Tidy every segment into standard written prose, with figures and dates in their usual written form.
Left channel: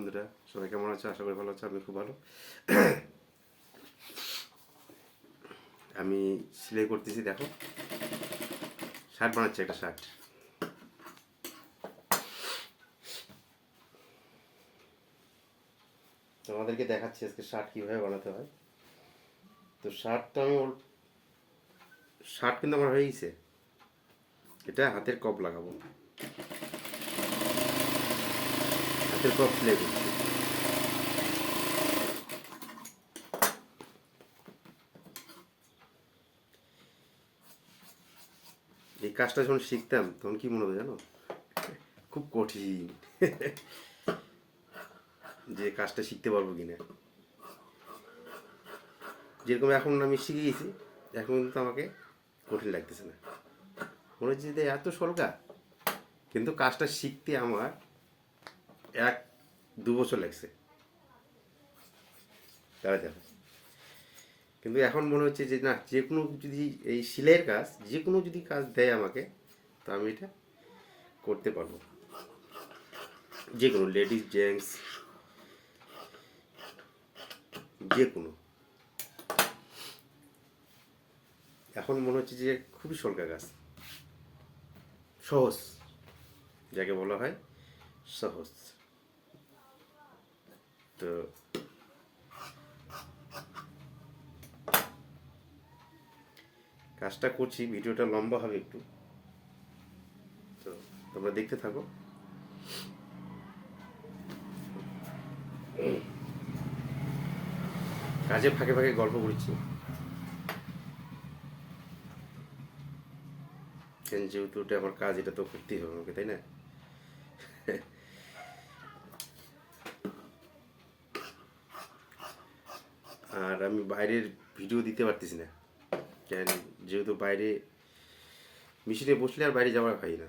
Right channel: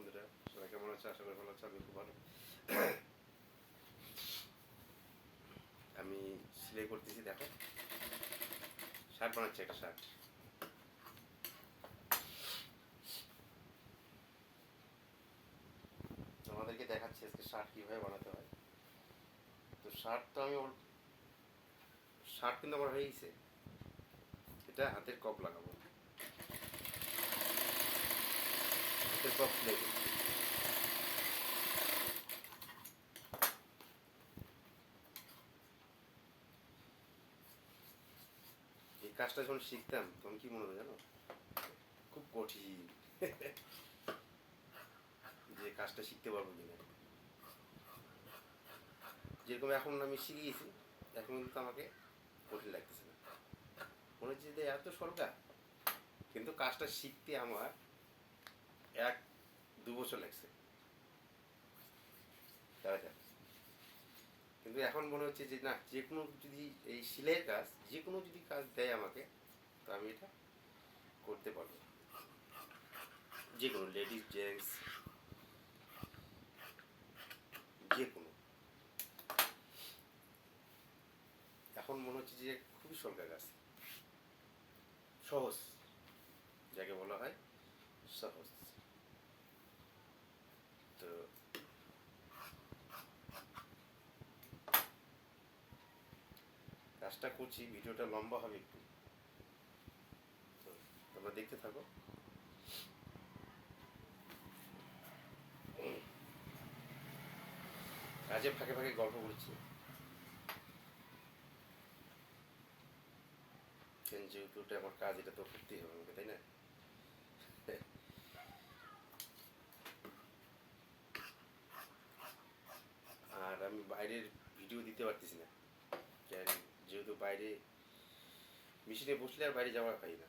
বন্ধুরা, সবাই কেমন আছো? আশা করি ভালো আছো। আমি খুব ভালো। আমি সেলাই করতেছি, দেখো শার্ট বানাচ্ছি, একটা শার্ট। তোমাদেরকে দেখাচ্ছি আজকে শার্ট কীভাবে বানাতে হয়। তো শার্ট কিন্তু আমার হয়ে গেছে। এটা হাতের কপ লাগাবো, হাতের কপ সেলাই করছি। এই কাজটা যখন শিখতাম তখন কি মনে হতো জানো, খুব কঠিন। যে কাজটা শিখতে পারবো কিনা। যেরকম এখন আমি শিখে গেছি, এখন কিন্তু আমাকে কঠিন লাগতেছে না, মনে হচ্ছে যে এত সরকা। কিন্তু কাজটা শিখতে আমার 1-2 বছর লাগছে, তারা দেখো। কিন্তু এখন মনে হচ্ছে যে না, যে কোনো যদি এই সেলাইয়ের কাজ, যে কোনো যদি কাজ দেয় আমাকে, তো আমি এটা করতে পারবো। যে কোনো লেডিস জেন্টস, যে কোনো। এখন মনে হচ্ছে যে খুবই সরকার কাজ, সহজ, যাকে বলা হয় সহজ। তো কাজটা করছি, ভিডিওটা লম্বা হবে একটু, তো তোমরা দেখতে থাকো। কাজে ফাঁকে ফাঁকে গল্প করছি, যেহেতু এটা আমার কাজ, এটা তো করতেই হবে আমাকে, তাই না? আর আমি বাইরের ভিডিও দিতে পারতেছি না, কেন? যেহেতু বাইরে মেশিনে বসলে আর বাইরে যাওয়া হয় না,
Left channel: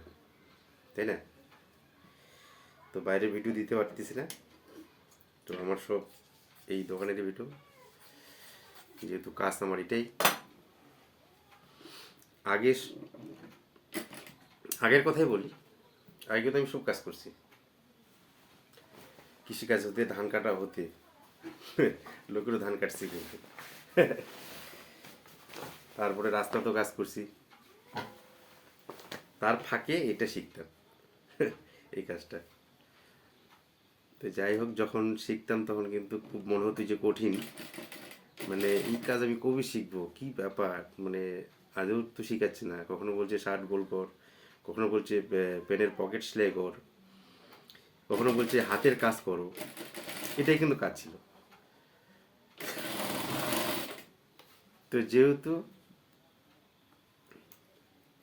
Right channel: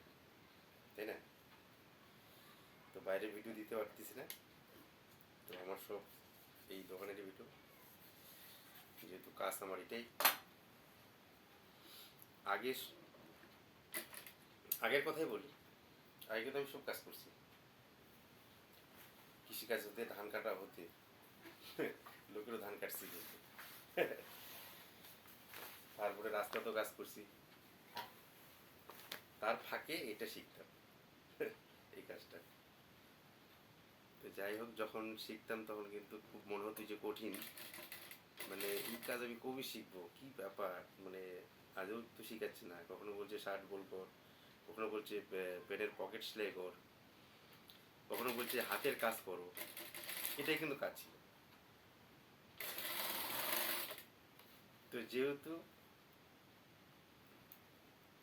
তাই না? তো বাইরে ভিডিও দিতে পারতেছি না। তো আমার সব এই দোকানের ভিডিও, যেহেতু কাজ আমার এটাই। আগে আগের কথাই বলি, আগে তো আমি সব কাজ করছি, কৃষিকাজ হতে, ধান কাটা হতে, লোকেরও ধান কাটছি কিন্তু। তারপরে রাস্তা তো কাজ করছি, তার ফাঁকে এটা শিখতাম। এই কাজটা। তো যাই হোক, যখন শিখতাম তখন কিন্তু খুব মনে হতো যে কঠিন, মানে এই কাজ আমি কবে শিখবো, কি ব্যাপার, মানে আদৌ তো শিখাচ্ছে না। কখনো বলছে শার্ট গোল কর, কখনো বলছে প্যান্টের পকেট সেলাই কর, কখনো বলছে হাতের কাজ করো। এটাই কিন্তু কাজ ছিল। তো যেহেতু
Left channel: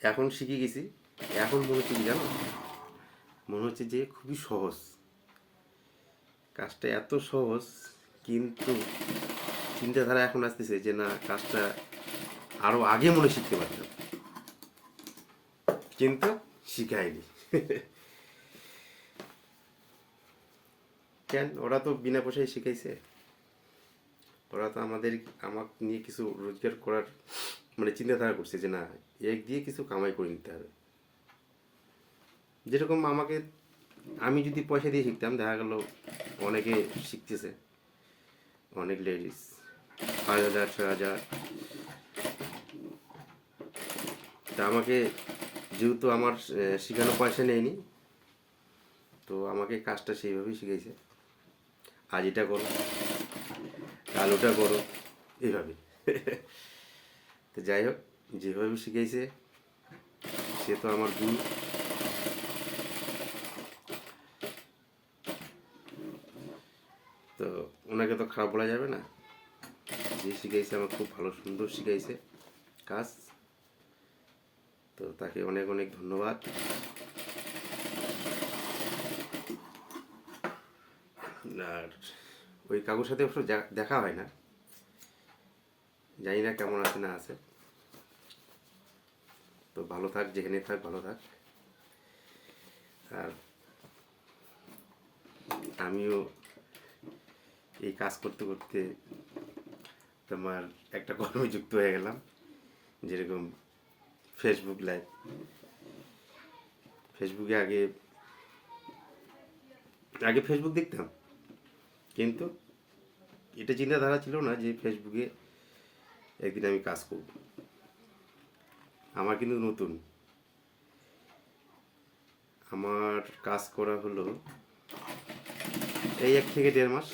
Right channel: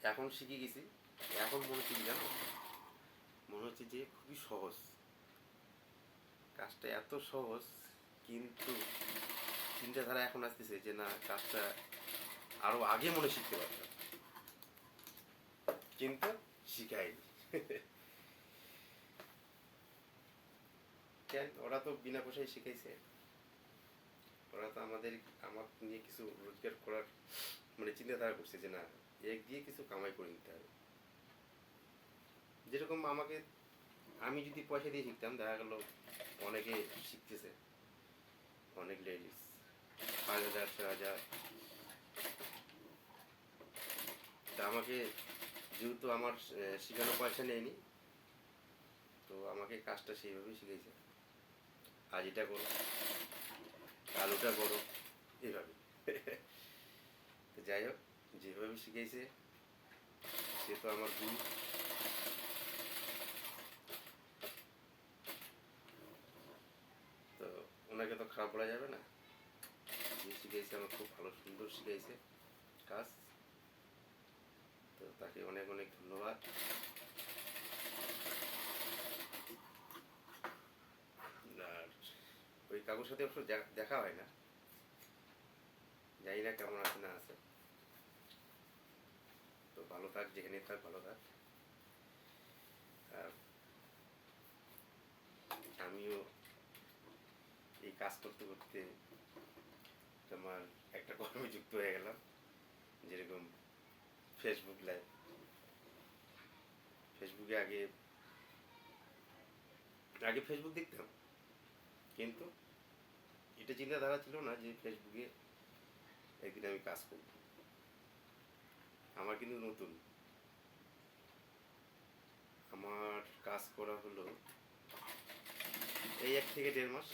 এখন শিখে গেছি, এখন মনে হচ্ছে কি জানো, মনে হচ্ছে যে খুবই সহজ, কাজটা এত সহজ। কিন্তু চিন্তাধারা এখন আসতেছে যে না, কাজটা আরো আগে মনে শিখতে পারতাম, কিন্তু শিখায়নি। কেন? ওরা তো বিনা পয়সায় শিখাইছে। ওরা তো আমাকে নিয়ে কিছু রোজগার করার মানে চিন্তাধারা করছে যে না, এক দিয়ে কিছু কামাই করে নিতে হবে। যেরকম আমাকে, আমি যদি পয়সা দিয়ে শিখতাম, দেখা গেল অনেকে শিখতেছে, অনেক লেডিস 5,000 6,000। তা আমাকে, যেহেতু আমার শেখানো পয়সা নেয়নি, তো আমাকে কাজটা সেইভাবেই শিখাইছে। আজ এটা করো, কাল ওটা করো, এইভাবে। তো যাই হোক, যেভাবে শিখাইছে সে তো আমার গুরু। তো ওনাকে তো খারাপ বলা যাবে না। যে শিখাইছে আমার খুব ভালো সুন্দর শিখাইছে কাজ, তো তাকে অনেক অনেক ধন্যবাদ। আর ওই কাকুর সাথে অবশ্য দেখা হয় না, জানি না কেমন আছে না আছে। তো ভালো থাক, যেখানে থাক ভালো থাক। আর আমিও এই কাজ করতে করতে তোমার একটা কর্মে যুক্ত হয়ে গেলাম, যেরকম ফেসবুক লাইভ। ফেসবুকে আগে আগে ফেসবুক দেখতাম, কিন্তু এটা চিন্তাধারা ছিল না যে ফেসবুকে একদিন আমি কাজ করব। আমার কিন্তু নতুন, আমার কাজ করা হলো এই 1 থেকে 1.5 মাস,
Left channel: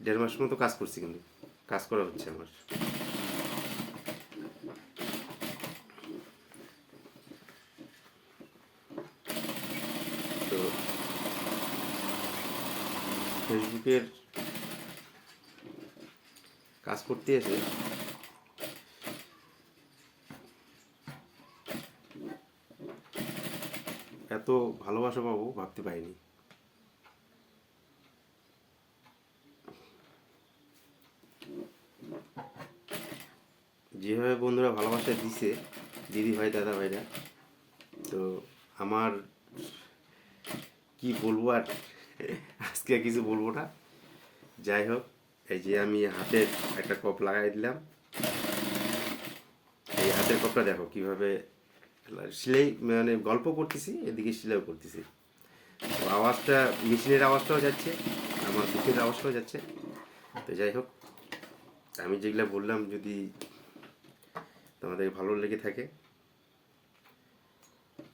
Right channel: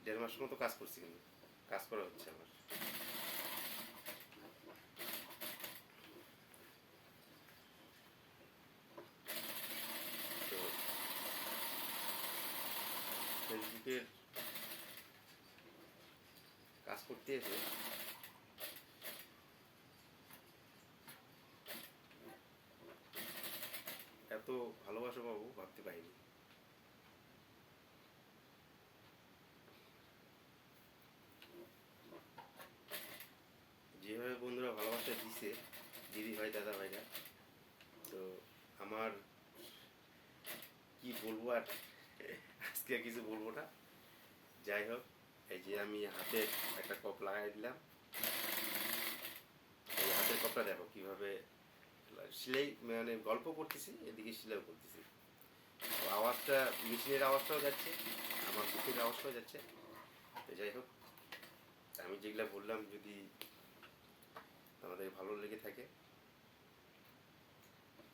1.5 মাস মতো কাজ করছি, কিন্তু কাজ করা হচ্ছে আমার। তো ফেসবুকের কাজ করতে এসে এত ভালোবাসা পাবো ভাবতে পারিনি। যেভাবে বন্ধুরা ভালোবাসা দিছে, দিদি ভাই দাদা ভাইরা, তো আমার কি বলবো আর, আজকে আর কিছু বলবো না। যাই হোক, এই যে আমি হাতের একটা কপ লাগাই দিলাম, এই হাতের কপটা দেখো কিভাবে সেলাই, মানে গল্প করতেছি এদিকে সেলাইও করতেছি। তো আওয়াজটা, মেশিনের আওয়াজটাও যাচ্ছে, আমার বুকের আওয়াজটাও যাচ্ছে। তো যাই হোক, আমি যেগুলো বললাম যদি তোমাদের ভালো লেগে থাকে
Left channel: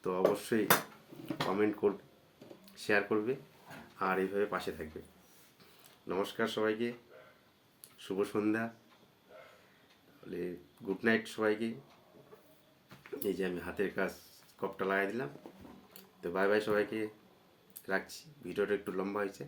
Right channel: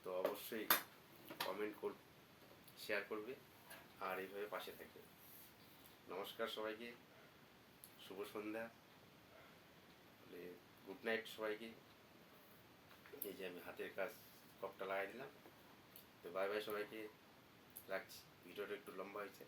তো অবশ্যই কমেন্ট করবে, শেয়ার করবে, আর এইভাবে পাশে থাকবে। নমস্কার সবাইকে, শুভ সন্ধ্যা, বলে গুড নাইট সবাইকে। এই যে আমি হাতের কাজ কপটা লাগাই দিলাম। তো বাই বাই সবাইকে, রাখছি। ভিডিওটা একটু লম্বা হয়েছে।